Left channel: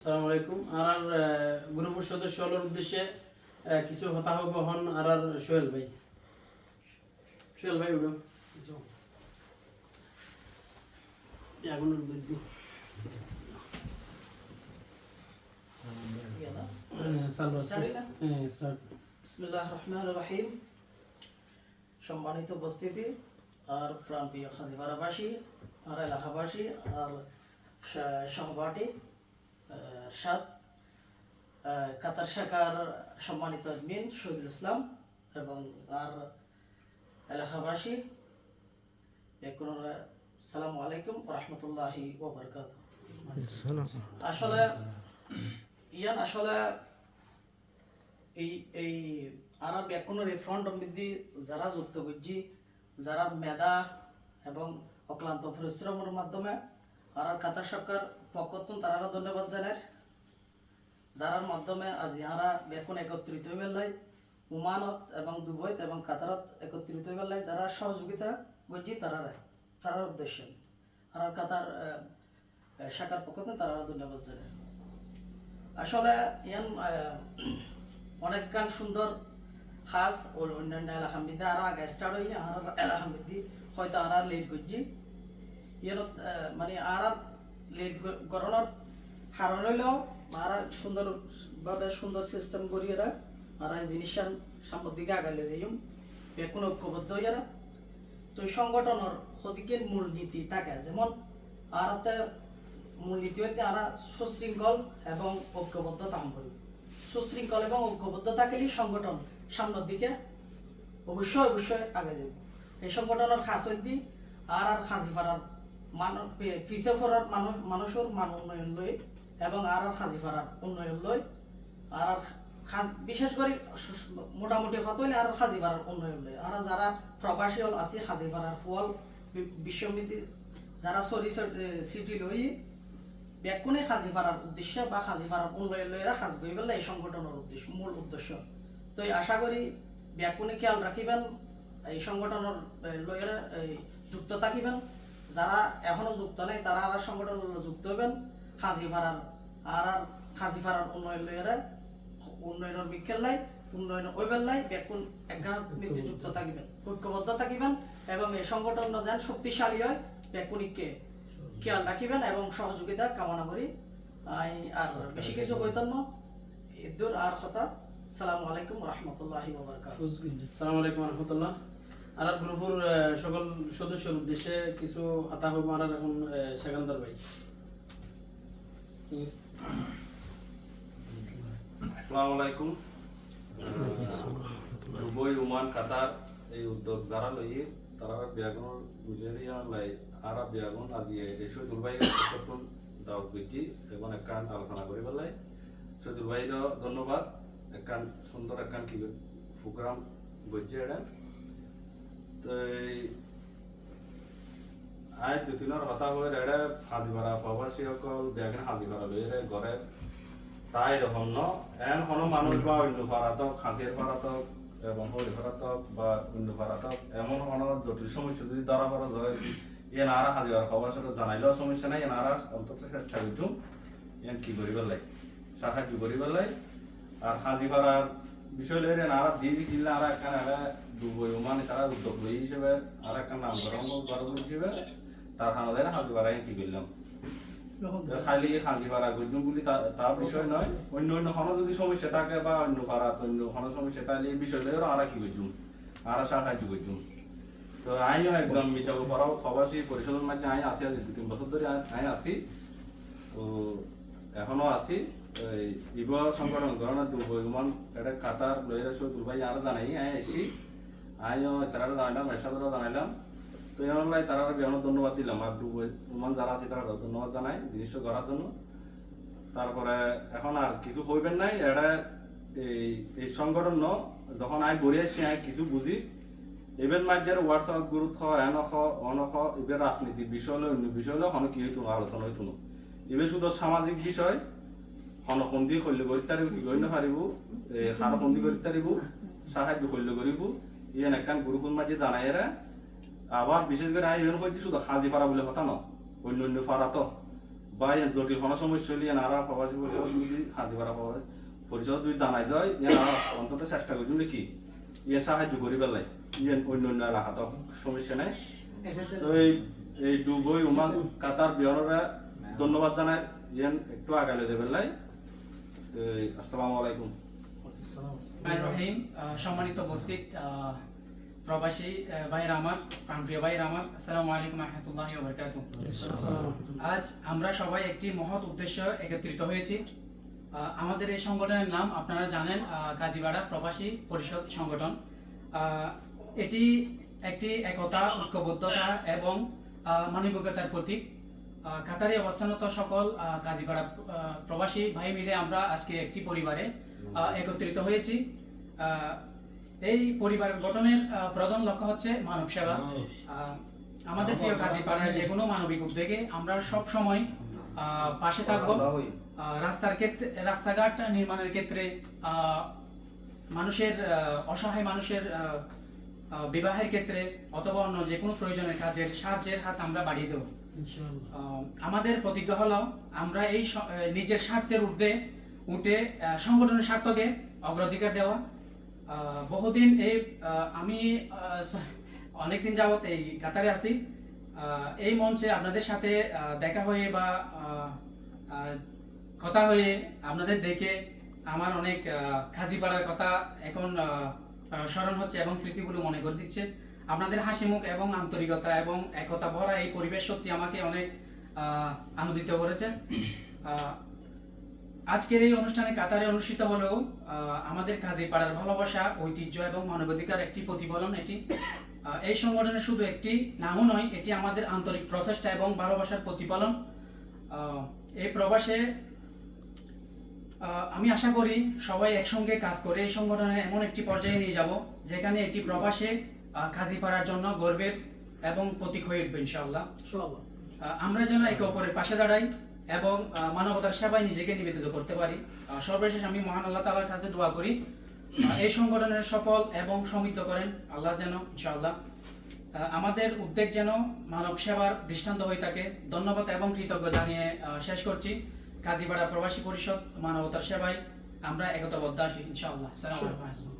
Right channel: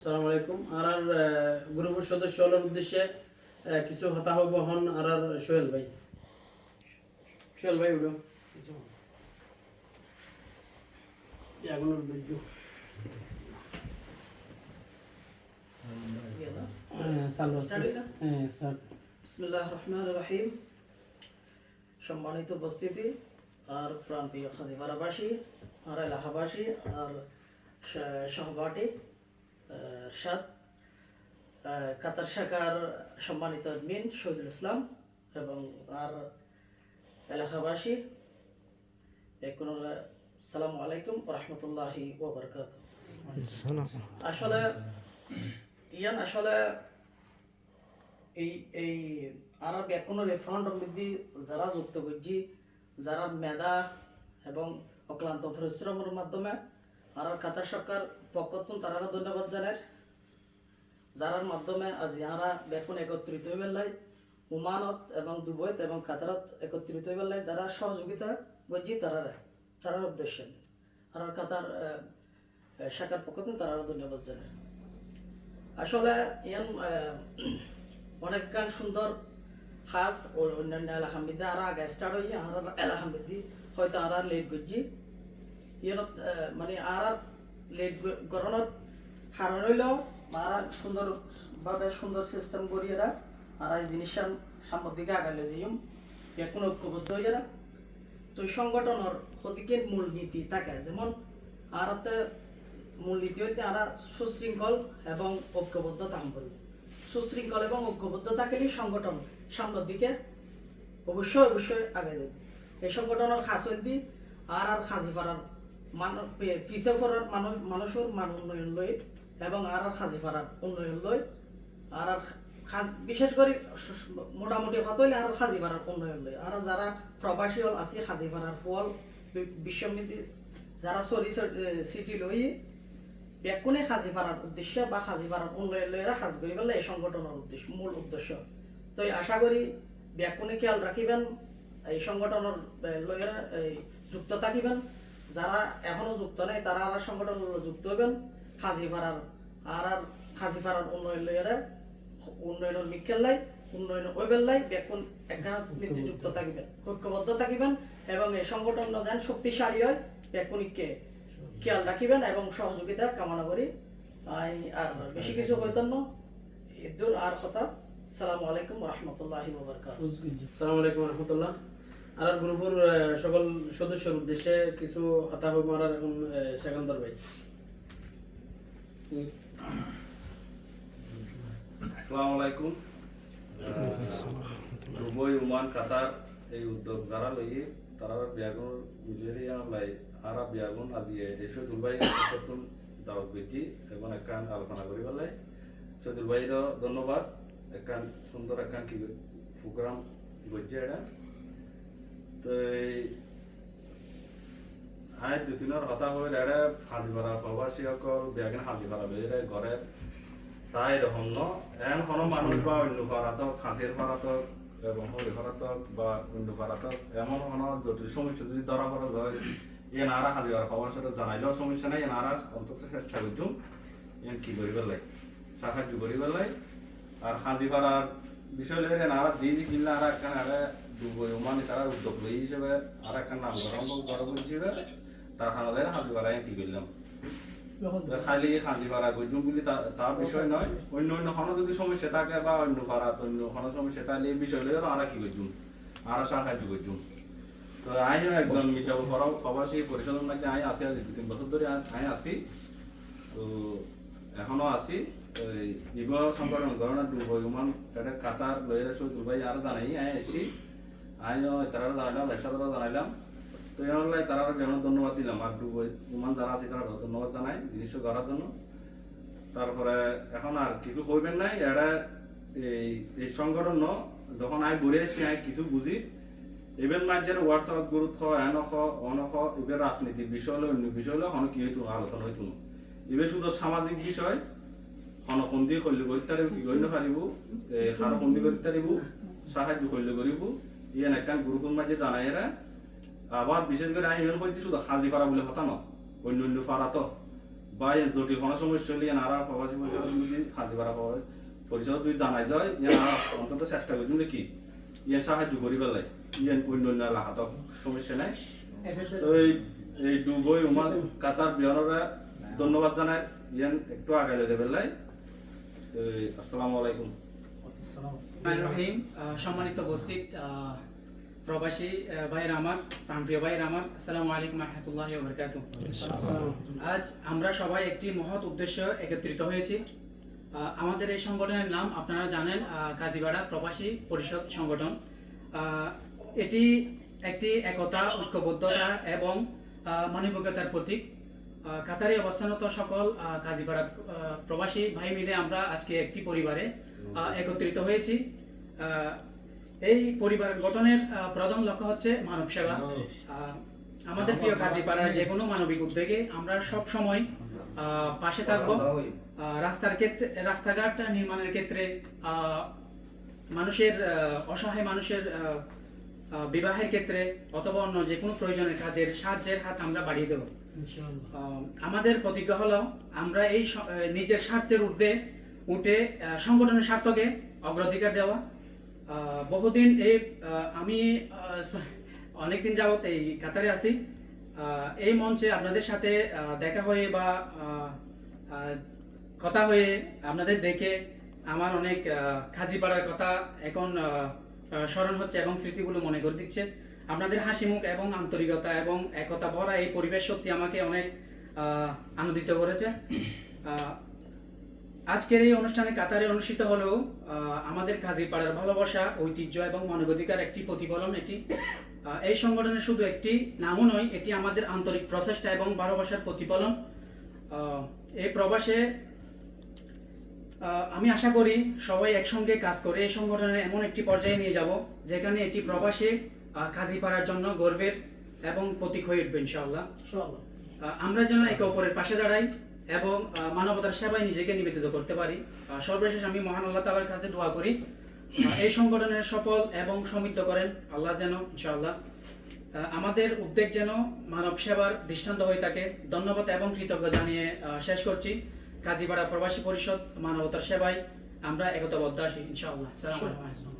আসসালামু আলাইকুম। আর গ্রুপের সদস্য হলোর উদ্দেশ্যে কিছু হতা হব হন আর আর সোহেল ভাই সোহেল ভাই উঠো এখন? হ্যাঁ রহিম সম্মানিত উপস্থিতি আর প্রাণপ্রিয় খাজিপাড়াবাসী আর এলাকাবাসী আর সহপাঠী সাত কাতার শাখার সম্মানিত আদমিন শহীদুল ইসলাম এবং আর এলাকাবাসী এখন সালাম আলাইকুম রহমতুল্লাহি ওবরকাত আসলে, ইয়ান, আসলে এই এই আরব এখনও রেফারেন্ড মধ্যে যারা যুক্ত করছি, যারা মেধা এবং অক্লান্ত পরিশ্রমের মাধ্যমে আর কাতার সরকার পক্ষতুন তারা ধন্যবাদ জানার যারার মাধ্যমে আজ ইয়ারা বেকুন একত্রিত বেলায় উমানত এবং দুবইত এবং কাতারত একত্রিত বেলায় যারা সহযোগিতা করছি তারা তারার উদ্দেশ্যে। আর কাতার শাখার পক্ষতুন তারা ধন্যবাদ জানায়। আসলে ইয়ান অনেক গান সুন্দর, খাস, ও অন্যান্য এলাকার মধ্যে আর আগে স্টার্ট হই আর এলাকার মধ্যে হয়তো আর লেট করছি ইয়ান মানে আর লেট করানোর কারণ হইল আর সুন্দরভাবে সুন্দর সিস্টেম করি এরা আর এই জিনিস সামনের দিকে আগাইলে যাইম এখন ঐক্যবদ্ধ হই এরা তো এই সংগঠনের হদিকে মূলনীতি থাকে, যেমন আর মূলনীতি হইতে আমরা সুশৃঙ্খল এবং ঐক্যবদ্ধ কাম করি। সুশৃঙ্খল এবং ঐক্যবদ্ধ থাকলে সংগঠন সামনের দিকে অবশ্যই অবশ্যই আগে যাবে এই সংগঠনের খাস হইতে আর আর খাজিপাড়ার মানুষ পিছিয়ে পড়ার মানুষ মানুষের মান উন্নয়ন লই এবং আর আর খাজিপাড়ার উন্নয়ন লই আর আর খাজ, বিশেষ করে মোটামুটি কত হইলে আর খাজিপাড়ার উন্নয়ন লই আর যারা প্রবাসী হল, আছে খাজিপাড়ার ফল বিশ্বমিতি যারা সরি সিটি লই বেকুনে সাজি পারার উদ্দেশ্যে বা সাজি পারার উন্নয়ন লইরা সাজ করি পেলাই এই সংগঠনের উদ্দেশ্য, মূল উদ্দেশ্য। তো আশা করি বেকুনে খেয়াল রাখিবেন এই সংগঠনের লইরা যুক্ত থাকিবেন। যারা এখনও যুক্ত নেই, তারা আর সংগঠনের লগে যুক্ত হবেন পারার আর আর পারার উন্নয়ন লইরা উন্নয়নের মিক্ষেল লাই উন্নয়ন ওইবেল লাই, বেকুন একখানা মৃত্যু যুক্ত থাকিবেন, ঐক্যবদ্ধ থাকিবেন এবং এই সংগঠন যেন শক্তিশালী হয়, বেকুনিককে খেয়াল রাখিবেন এবং সহযোগিতা কামনা করি। আর বেশি কিছু না। ইদুর আর কথা। সালামু আলাইকুম রহমতুল্লাহি আসসালামু আলাইকুম রহমতুল্লাহ। আর গ্রুপের সকল সদস্যের উদ্দেশ্যে কিছু হতা হব আর এখন সেকান্দর ভাই। আসসালামু আলাইকুম। দুবই ওমান কাতার এই উদ্যোগ যারা লই তারা বিয়াগুন মিলিয়ে লাই আরা বিয়াগুন আজি এই শহীদুল ভাই প্রথম দাওয়াত করছি এবং একখান আলোচনা করি পেলাই শহীদুল ভাইর ধন্যবাদ। একখান সুন্দর একখান কি প্রোগ্রাম করছে এটা। তো আই দুই দিনের কথা হয়ে এটা হাজি ভাড়া প্রবাসী সকল বিয়াগুন হাজি ভাড়া লই ঘরে তাই এরকম ন? এন কোনো মানুষ বা অন্য ভাড়াতক খাসির ভাড়াতক এবং হরি ভাড়াতক বা অন্য ভাড়াতক এমন কোনো জটিল সমস্যা যদি ধরা পড়া যায় এ নারা হাজির খবর সাথে জানাইলেও সমস্যা নাই এ নারা অন্তত চেষ্টা করছুম এন কি করি পেলাই সাহায্য করি পেলাই আর হাজি ভাড়ার বিষয় লয়ে নারা দিয়ে দি কিনলে আর একটা দুবই মানে তারা উদ্যোগ লই হিসেবে আর একটা নাম গরম গরম হিসেবে তার হানাদের হাজি ভাড়া কি করলাম খালি খাঁজি ভাড়া করছুম বলি তার বিষয় নয় অন্য অন্য কোনো যদি সমস্যা থাকে বা অন্য ভাড়া অন্য কোনো সমস্যা থাকলে এই বিষয় লয়ে আর কি করছুম আর সাহায্য করছুম তো আমিও একজন মিটাবো পরাও প্রবাসী পরিষদের মাঝে আমি আছি আজ দু তিন বছর ধরে আমি আছি তো এখনও এই বিবাহ সংকলন গণনা দুবই উমান এটা কাতার লয়ের সহ দুবাই আর জানাই আমি এসছি। আমিও তারা জানাইলাম এসাদারও জানাইলাম। তো এমন তারা যেমন ধন্যবাদ দিলাম। আর দুবই উমান যারা আছে, তারা ধন্যবাদ জানাই জিনিসটা করার জন্য। তারপরে এখন আর কিছু হইবেন নাই। এটা এই এই সংগঠন যখন আমি ঘুরে আসছি আমি কিছু বুঝি। এবার মাঝের হোয়াটসঅ্যাপ গ্রুপ খ, এন খ, অন খ এবার রাজনীতির বিষয় হলে, অন্য বিষয় হলে কি হইতো আলোচনা হইতো না এবার শুধু সামাজিক বিষয় হনসন্ধি শৈলী কৰি তাৰিব, কি কৰি নাপাৰিব সাৰসন্ধি কৰি তাৰিব, সাহায্য শৈলী কৰিব। ইয়ান একখান গ্রুপের মাঝে জানাই এরা আবার বিশেষ করে আমি ইভেন হইতে শুধু হাজি পাড়া বলে কথা ন। অন্য অন্য পাড়া তো বা এর জটিল কোনো সমস্যা হলে এনারা প্রবাসী পরিষদ যদি হাজিপাড়া প্রবাসী পরিষদ যদি জানাই যায় এনারা অন্তত চেষ্টা করছেন যে কি ইয়ে সাহায্য করি পেলাই। ইয়ে অন্য অন্য এলাকাত সমস্যা নাই। তো এই এই ডুবই উমান কাতার বিহানরা ধন্যবাদ জানাই। ইয়ান একটু আগাইলে দেবে লাই আসসালামু আলাইকুম। রহিম সম্মানিত উপস্থিত প্রবাসী প্রাণপ্রিয় আসসালামু আলাইকুম রহমতুল্লাহ আজ আমরা সবাই একটি মহৎ উদ্দেশ্য একত্রিত হয়েছি। আমাদের এই সংগঠনের নাম আপনারা জানেন কাজীবাড়া প্রবাসী পরিষদ সংগঠন। এটি একটি একতা, ঐক্যবদ্ধতা এবং মানবিকতার প্রতীক। কাতারে অবস্থানত সকল কাজীপাড়া প্রবাসী ভাই মিলে আমরা আজকে একটি পরিবারে একত্রিত হয়েছি। এই পরিবার গঠনের প্রধান লক্ষ্য হচ্ছে মানব সেবা। আমাদের প্রিয় কাজীপাড়ায় যে কোনো মানবিক উদ্যোগে আমরা সব সময় আহ, পাশে থাকব। রাস্তার ক্ষেত্রে রাস্তাঘাট নির্মাণের ক্ষেত্রে আহ, মানুষের আহ, অসহায় মানুষের বিবাহের ক্ষেত্রে অথবা অন্য যে কোনো প্রয়োজনের কাজের সাহায্যের হাত আমরা বাড়িয়ে দেবো। আমাদের প্রতিজ্ঞা হলো আমরা এই নিজের স্বার্থের ঊর্ধ্বে উঠে সংগঠনের স্বার্থকে অগ্রাধিকার দেওয়া। বহুদিন এই আমি অনেকদিন যাবত এই কাতারে আছি। এই মঞ্চে আপনাদের সাথে দেখা হয়ে বা কথা হয়ে আপনাদের দেখে আমার অনেক খাজিপাড়ার কথা এখন স্মরণ হচ্ছে এবং স্মৃতিগুলো মনে করে দিচ্ছে। আপনাদের হাসি মুখ এবং আন্তরিকতা এবং একতা ভরা এই পরিবেশ সত্যি আমাকে অনেক আনন্দিত করেছে। আজকের এই অনুষ্ঠানে কাতারে অনুষ্ঠিত হলেও আমাদের কাজীপাড়ার ভালোবাসা, ঐতিহ্য এবং মানবাধিকার একটি প্রতিফলন, এটি এই সংগঠনের শুধু একটি নামও নয়, এটি আমাদের আন্তরিক প্রচেষ্টা এবং ভালোবাসার প্রতিফলন। এই প্রবাসে আমি আশা করি সবাই একসঙ্গে কাজ করে এই সংগঠনের এমন একটি পর্যায়ে নিয়ে যাব যেখানে এটি প্রবাসে আহ, কাজীপাড়ার জন্য গর্বের এবং প্রতীক হয়ে উঠবে ইনশাআল্লাহ। আমরা যেন একে অপরের পাশে দাঁড়াই এবং মানবতার সেবায় নিজেকে নিবেদিত করতে পারি। সর্বশেষ আমি মহান আল্লাহ তালার কাছে দোয়া করি এই সংগঠনের সফল এবং সমৃদ্ধ করেন আল্লাহ যেন ইনশাআল্লাহ। আমাদের উদ্যোগ যেন মানব সেবার দৃষ্টান্ত হয়ে থাকে। ধন্যবাদ এবং কৃতজ্ঞ জানিয়ে শেষ করছি। কাজীপাড়া প্রবাসী পরিষদ মানবতার সেবায় আমরা একতাবদ্ধ আসি ইনশাআল্লাহ। সালাম আলাইকুম।